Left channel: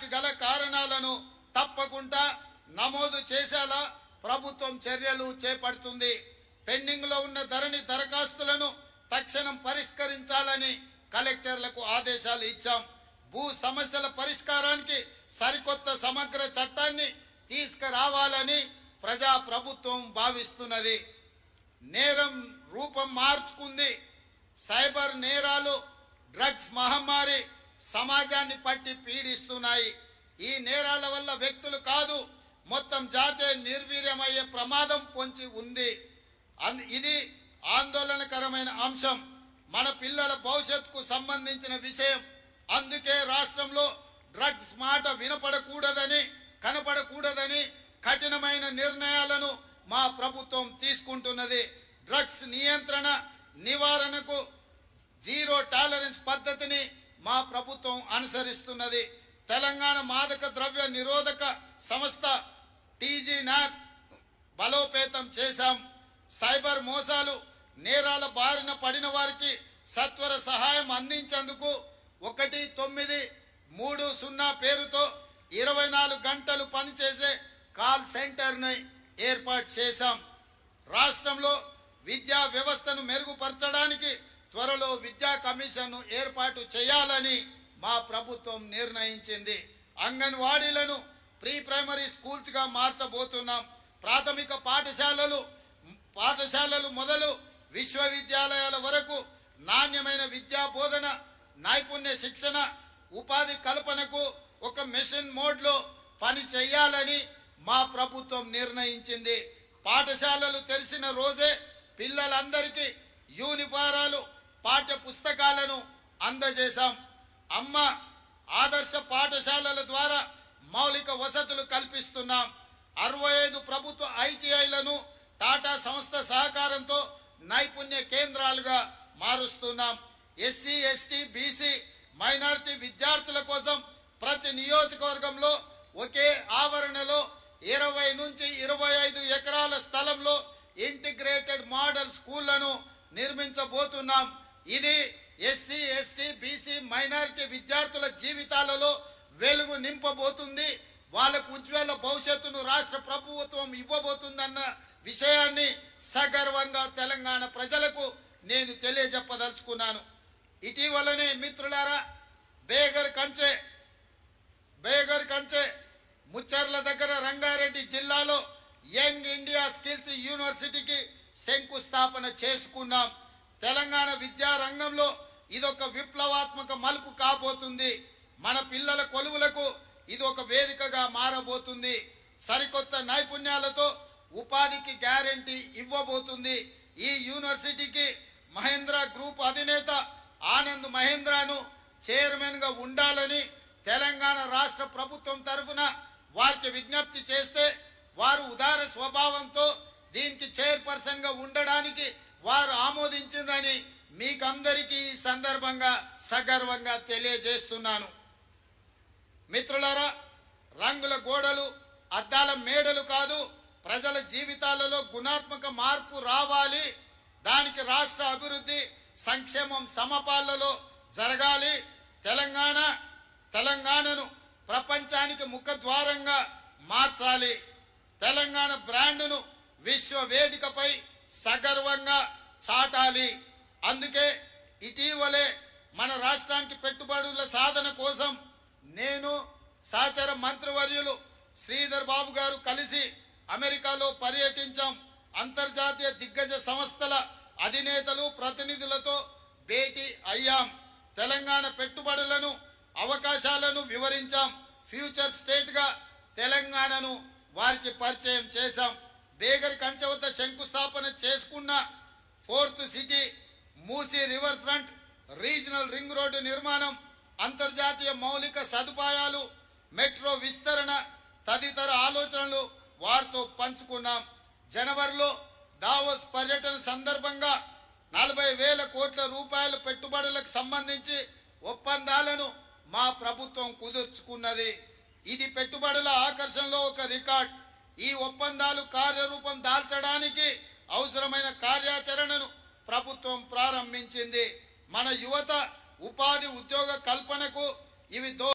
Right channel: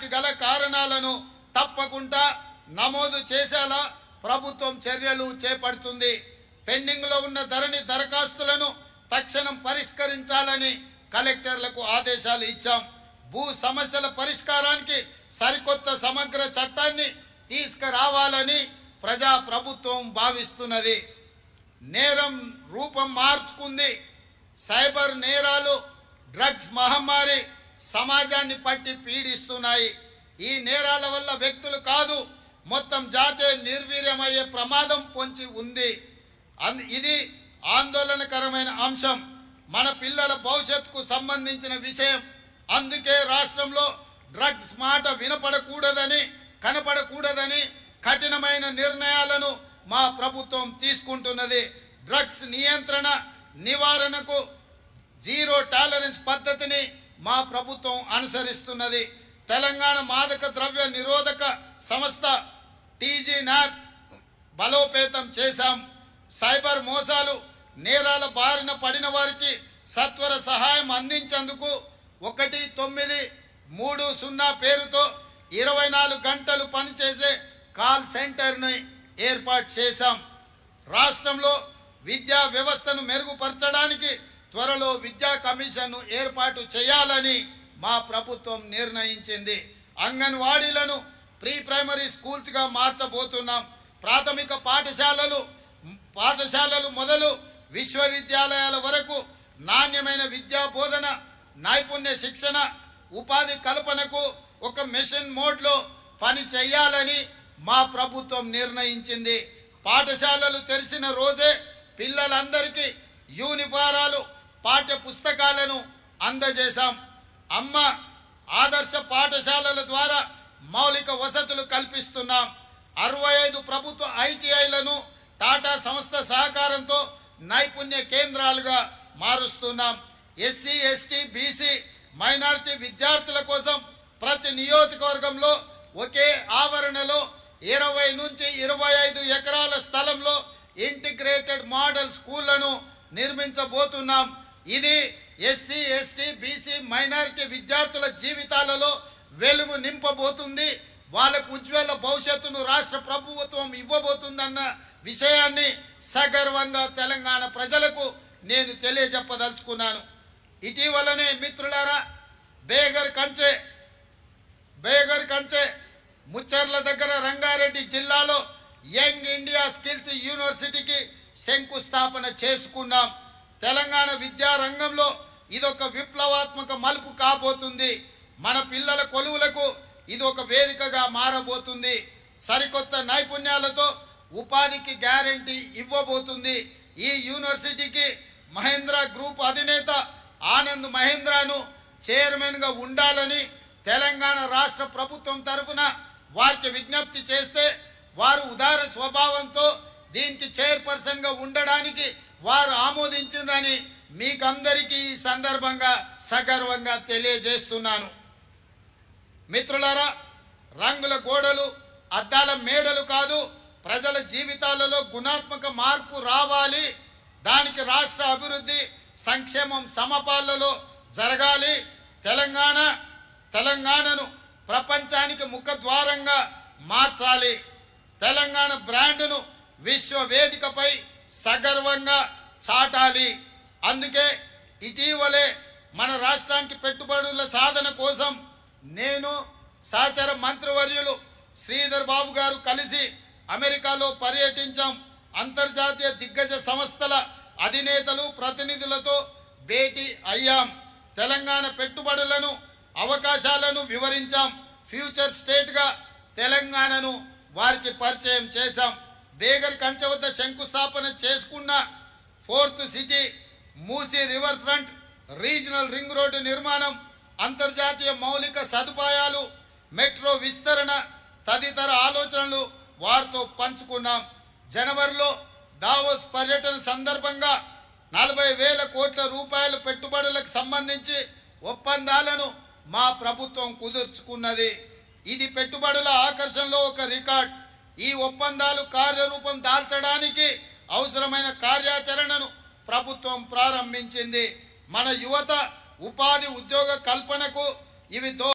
దానికి గల కారణాలను తప్పకుండా నమోదు చేసేలా ప్రభుత్వం చర్యలు చేపడుతుంది. పెండింగ్ లో ఉన్న ధరణి దరఖాస్తులను తక్షణం పరిష్కరించాలని కలెక్టర్లకు ఆదేశాలు ఇచ్చాం. భూ సమస్యల పరిష్కారానికి సరికొత్త సమగ్ర చట్టాన్ని తీసుకురావాలని ప్రజా ప్రభుత్వం భావిస్తున్నది. నేరం రూపం మార్చుకుంది. సైబర్ నేరాలు, డ్రగ్స్ మహమ్మారి సమాజాన్ని పట్టి పీడిస్తున్నాయి. ఈ నేరాల వల్ల వ్యక్తులు కాదు, మొత్తం జాతే నిర్వీర్యమయ్యే ప్రమాదం పొంచి ఉంది. ఇది ఆందోళనకరమైన అంశం. మన పిల్లల భవిష్యత్తుకు సంబంధించిన విషయం. అందుకే రాష్ట్రంలో డ్రగ్స్ మాట వినపడకూడదని, కనపడకూడదని కఠినమైన నిర్ణయాలను మా ప్రభుత్వం తీసుకుంటున్నది. డ్రగ్స్ నియంత్రణ నివారణకు జీరో టాలరెన్స్ పద్ధతిని మా ప్రభుత్వం అనుసరిస్తున్నది. తెలంగాణ మాదక ద్రవ్య నిరోధక సంస్థ టీజీ న్యాప్ బలోపేతం చేశాం. సైబర్ మోసాలు, నేరాల బారిన పడిన వారికి సత్వర సహాయం అందించేందుకు 1930 పేరుతో 24 గంటలు పనిచేసే కాల్ సెంటర్ని ఏర్పాటు చేశాం. రాష్ట్రంలో విద్యా వ్యవస్థను మెరుగుపరచడానికి త్వరలో విద్యా కమిషన్ను ఏర్పాటు చేయాలని మా ప్రభుత్వం నిర్ణయించింది. అంగన్వాడీలను ప్రీ ప్రైమరీ స్కూల్స్గా మార్చబోతున్నాం. ప్రాథమిక పాఠశాలలు మొదలు విశ్వవిద్యాలయాల వరకు నాణ్యమైన విద్యా బోధన, నైపుణ్య శిక్షణ, ఉపాధి కల్పనకు ఒక మిషన్ మోడ్లో పని చేయాలని మా ప్రభుత్వం నిర్ణయించింది. పాఠశాలలు తెరిచిన రోజే పిల్లలందరికీ యూనిఫారాలు, పాఠ్య పుస్తకాలను అందజేశాం. అమ్మ ఆదర్శ పాఠశాలల ద్వారా మౌలిక వసతులు కల్పిస్తున్నాం. 65 ప్రభుత్వ ఐటీఐలను టాటా సంస్థ సహకారంతో నైపుణ్య కేంద్రాలుగా మారుస్తున్నాం. ఎస్సీ, ఎస్టీ, బీసీ, మైనారిటీ విద్యార్థుల కోసం ప్రతి నియోజకవర్గంలో ఒకే ఆవరణలో 20 నుంచి 25 ఎకరాల స్థలంలో ఇంటిగ్రేటెడ్ మోడల్ స్కూళ్లను నిర్మించబోతున్నాం. ఇది ఎస్సీ, ఎస్టీ, బీసీ, మైనారిటీ విద్యార్థుల జీవితాలలో వెలుగు నింపబోతుంది. వాళ్ళకు ఉజ్వల భవిష్యత్తును రాష్ట్ర ప్రభుత్వం ఇవ్వబోతుందన్న విషయాన్ని సగర్వంగా తెలంగాణ ప్రజలకు నేను తెలియజెప్పదలుచుకున్నాను. ఇటీవలనే మిత్రులారా, బేగర్ కంచె ముచ్చర్ల దగ్గర రంగారెడ్డి జిల్లాలో యంగ్ ఇండియా స్కిల్స్ యూనివర్సిటీకి శంకుస్థాపన చేసుకున్నాం. తెలంగాణ విద్యా రంగంలో ఇదొక విప్లవాత్మక మలుపు కాబోతుంది. మన పిల్లల కొలువులకు ఇది ఒక వేదికగా మారబోతుంది. సరికొత్త నైపుణ్యాలతో ఉపాధికి గ్యారెంటీ ఇవ్వబోతుంది. ఈ యూనివర్సిటీకి మహేంద్ర గ్రూప్ అధినేత ఆనంద్ మహేంద్రను చైర్మన్గా ఉండాలని తెలంగాణ రాష్ట్ర ప్రభుత్వం తరఫున వారికి విజ్ఞప్తి చేస్తే వారు ఉదార స్వభావంతో దీనికి చైర్పర్సన్గా ఉండడానికి వారు ఆమోదించిందని మీకందరికీ ఈ సందర్భంగా సగర్వంగా తెలియజేస్తున్నాను. మిత్రులారా, రంగుల గోడలు, అద్దాల మేడలు కాదు, ప్రజల జీవితాలలో గుణాత్మక మార్పు రావాలి. దానికి రాష్ట్ర అభివృద్ధి, సంక్షేమం సమపాలలో జరగాలి. తెలంగాణను ప్రపంచానికి ముఖద్వారంగా మార్చాలి. తెలంగాణ బ్రాండ్ను విశ్వ వేదికపై సగర్వంగా చాటాలి. అందుకే ఇటీవలే మన రాష్ట్రానికి పెట్టుబడుల సాధన కోసం నేను సహచర మంత్రివర్యులు శ్రీధర్ బాబు గారు కలిసి అమెరికాలో పర్యటించాం. అంతర్జాతీయ దిగ్గజ సంస్థల అధినేతలు, ప్రతినిధులతో భేటీ అయ్యాం. తెలంగాణ పెట్టుబడులను, అవకాశాలను వివరించాం. ఫ్యూచర్ స్టేట్గా తెలంగాణను వారికి పరిచయం చేశాం. బేగర్ కంచె వద్ద శంకుస్థాపన చేసుకున్న 4th city, Musi river front, regional ring road నిర్మాణం, అంతర్జాతీయ మౌలిక సదుపాయాలు, మెట్రో విస్తరణ తదితర ఆలోచనలు వారితో పంచుకున్నాం. జనవరిలో దావోస్ పర్యటన సందర్భంగా 40,000 కోట్ల రూపాయల పెట్టుబడులకు సంబంధించి ఒప్పందాలను మా ప్రభుత్వం కుదుర్చుకున్నది. ఇది పెట్టుబడుల ఆకర్షణలో ఒక రికార్డ్. ఈ ఒప్పందాలు కార్యరూపం దాల్చడానికి అవసరమైన కార్యాచరణను ప్రభుత్వం ప్రారంభించింది. మన యువత ఉపాధి, ఉద్యోగ కల్పనకు ఇవి